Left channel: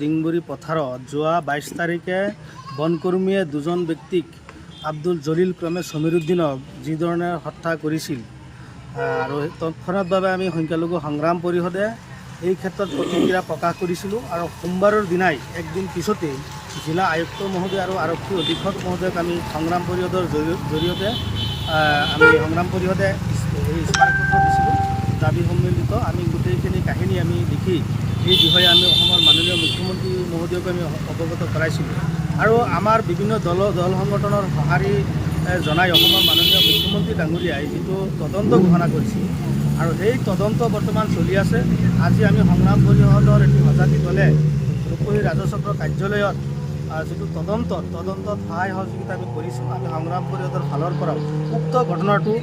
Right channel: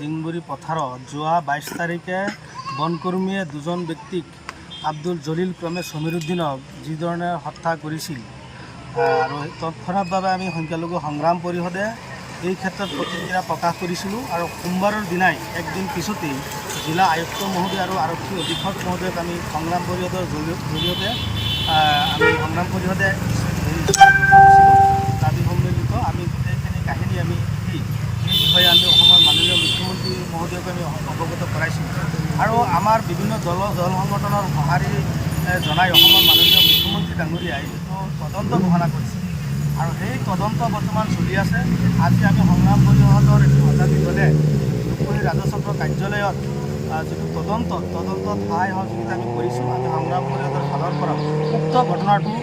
ডিংবুৰী পথাৰত যোৱা 22 তাৰিখে বনকৰ্মীয়ে দুজন ব্যক্তিক আব্দুল জলিল ক্ৰমে সমীৰুদ্দিনক যিধৰণে হত্যা কৰিছিল আৰু তৎক্ষণাৎভাৱে আমি সংখ্যালঘু সংগ্ৰাম পৰিষদে এই ক্ষেত্ৰত প্ৰতিক্ৰিয়া প্ৰকাশ কৰিছিলোঁ আৰু সোমবাৰৰ দিনাই একদিন পিছতেই জিলা আয়ুক্ত মহোদয় আৰু আৰক্ষী অধীক্ষক মহোদয়ক আমি সংগ্ৰাম পৰিষদৰ জৰিয়তে দিছিলোঁ দাবী সন্মিলিত আমি গোটেইখিনি কাহিনী আমি লিখি এই বিষয়ে আমি অসমৰ মাননীয় মুখ্যমন্ত্ৰী মহোদয়ক আমি অৱগত কৰাইছিলোঁ আৰু আমাৰ বিভিন্ন দল সংগঠনৰ সঁহাৰি জনাই অসমৰ মাননীয় মুখ্যমন্ত্ৰী ডাঙৰীয়াই যিটো তদন্ত ঘোষণা কৰিছিল আৰু সেই তদন্ত বৰ্তমান চলি আছে। আজি আমি সংগ্ৰাম পৰিষদৰ এটি সজাতি দলে ৰূপহী ৰাজচক্ৰ কাৰ্যালয়ত যিটো তদন্তত সহায় সহযোগিতা আমি কৰিছোঁ। আমি সংগ্ৰাম পৰিষদৰ ফালৰ পৰাও উক্ত ঘটনাটো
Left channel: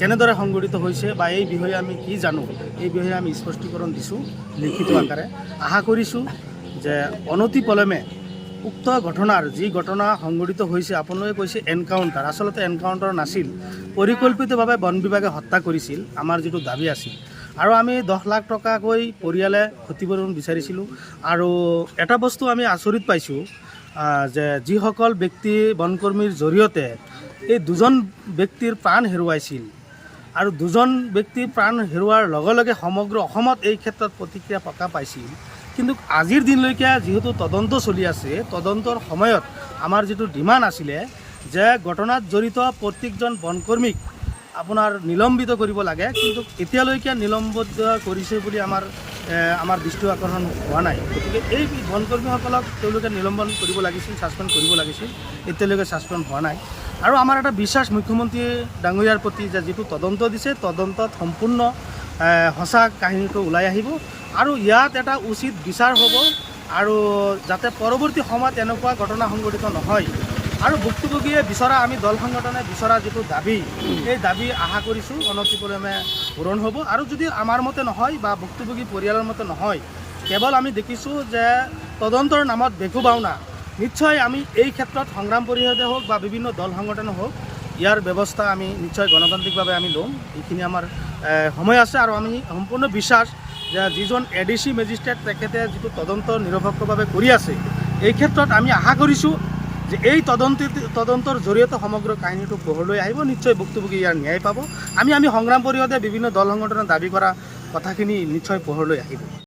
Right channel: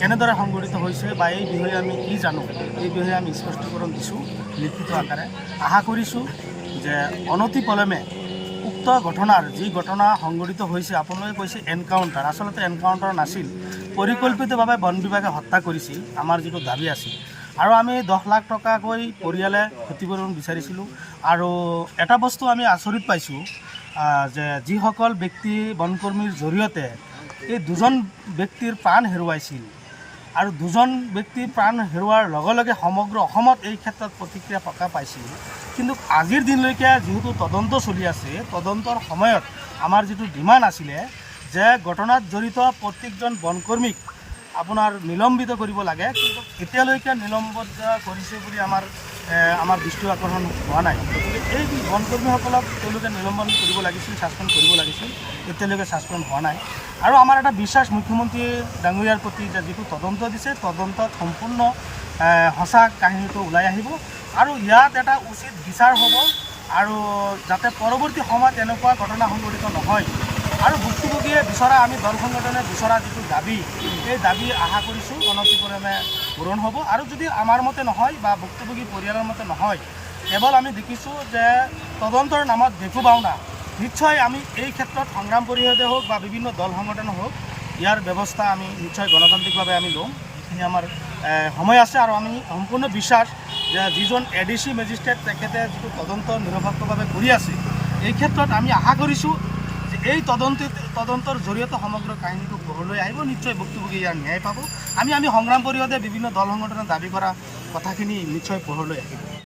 কেনেদৰে সংঘটিত হৈছে বা এই বিষয়ে আমি কি জানো এই বিষয়ে আমি স্পষ্টীকৰণ দিছোঁ লিখিত আকাৰে। আশা কৰিছোঁ যে অনতিপলমে উক্ত ঘটনাৰ যি ঘটনা সংঘটিত হৈছে, আপোনালোকে কৈছে এনকাউণ্টাৰ, আচলতে এনকাউণ্টাৰ নাছিল, পৰিকল্পিতভাৱে বন বিভাগে হত্যা কৰিছিল আমাৰ যিটো দাবী আছিল। আৰু আমি 10 লাখ টকাকৈ পৰিয়ালে ক্ষতিপূৰণ বিচাৰিছিলোঁ। আৰু এটা বস্তু আমি আচৰিত পাইছোঁ যে যিসকল ব্যক্তি বনকৰ্মীৰ জৰিয়তে এই দুজন ব্যক্তিৰ প্ৰাণ হেৰুৱাইছিল আৰু দুজন ব্যক্তি প্ৰাণ হেৰুৱাৰ লগে লগে সমগ্ৰ অসমত এই ক্ষেত্ৰত প্ৰতিক্ৰিয়া প্ৰকাশ পাইছিল, কিন্তু আজিৰ দিনলৈকে যিহেতু তদন্ত চলি আছে, তদন্তৰ সময়ত আমাৰ যিটো ডিমাণ্ড আছিলে যে ঘটনাত জড়িত প্ৰত্যেকজন বনকৰ্মীক আপোনাৰ নিলম্বিত কৰিব লাগে, কিন্তু এতিয়ালৈকে নিলম্বিত কৰিছে বুলি আমাৰ দৃষ্টি আকৰ্ষণ হোৱা নাই। গতিকে এই বনকৰ্মীসকলক তেওঁলোকে নিলম্বন কৰিব লাগিছিল, ছাছপেণ্ড কৰিব লাগিছিল, এতিয়ালৈকে ছাছপেণ্ড হোৱা নাই। আৰু আমাৰ এটা বিশ্বাস মুখ্যমন্ত্ৰী ডাঙৰীয়াৰ প্ৰতি যে যিটো তদন্ত দিছে, তদন্তত সম্পূৰ্ণ সঁচা কাহিনীটো ওলাই আহিব আৰু ইয়াত এটা উচিত বিচাৰ হ'ব আৰু যাতে পৰৱৰ্তী সময়ত এনেকুৱা ঘটনা সংঘটিত নহয়। আৰু ভুক্তভোগীয়ে বিচৰা, আমি দল সংগঠনে বিচৰা যিটো দাবী, এই দাবী আশা কৰিছোঁ অনতিপলমে পূৰণ হ'ব। আৰু যদি আমাৰ মতে নহয় বা ভুক্তভোগী পৰিয়ালৰ মতে নহয়, কেৱল আমি দেখিছোঁ যে তদন্তৰ নামত বেকু বাওনা, নিশ্চয় আমি এই ক্ষেত্ৰত সংগ্ৰাম পৰিষদে হওক বা বিভিন্ন দল সংগঠনে হওক ইয়াৰ ব্যৱস্থা আমি নিশ্চয় গণতান্ত্ৰিকভাৱে আমি ল'ম। এইখিনি আমাৰ সময় আছে আৰু আমি সম্পূৰ্ণ বিশ্বাস যে যিজন ADC মেজিষ্ট্ৰেট তেখেতে যিটো তদন্ত নিৰপেক্ষভাৱে কৰি আছে, এই ক্ষেত্ৰত আমি আশা কৰিছোঁ যে এই তদন্তৰ জৰিয়তে সমগ্ৰ কাহিনীটো পোহৰলৈ আহিব, নিশ্চয় ভুক্তভোগী ইয়াৰ ন্যায় পাব। আমি সংগ্ৰাম পৰিষদে বিভিন্ন দল সংগঠনে দাবী কৰা কথাখিনি নিশ্চয় পোহৰলৈ আহিব।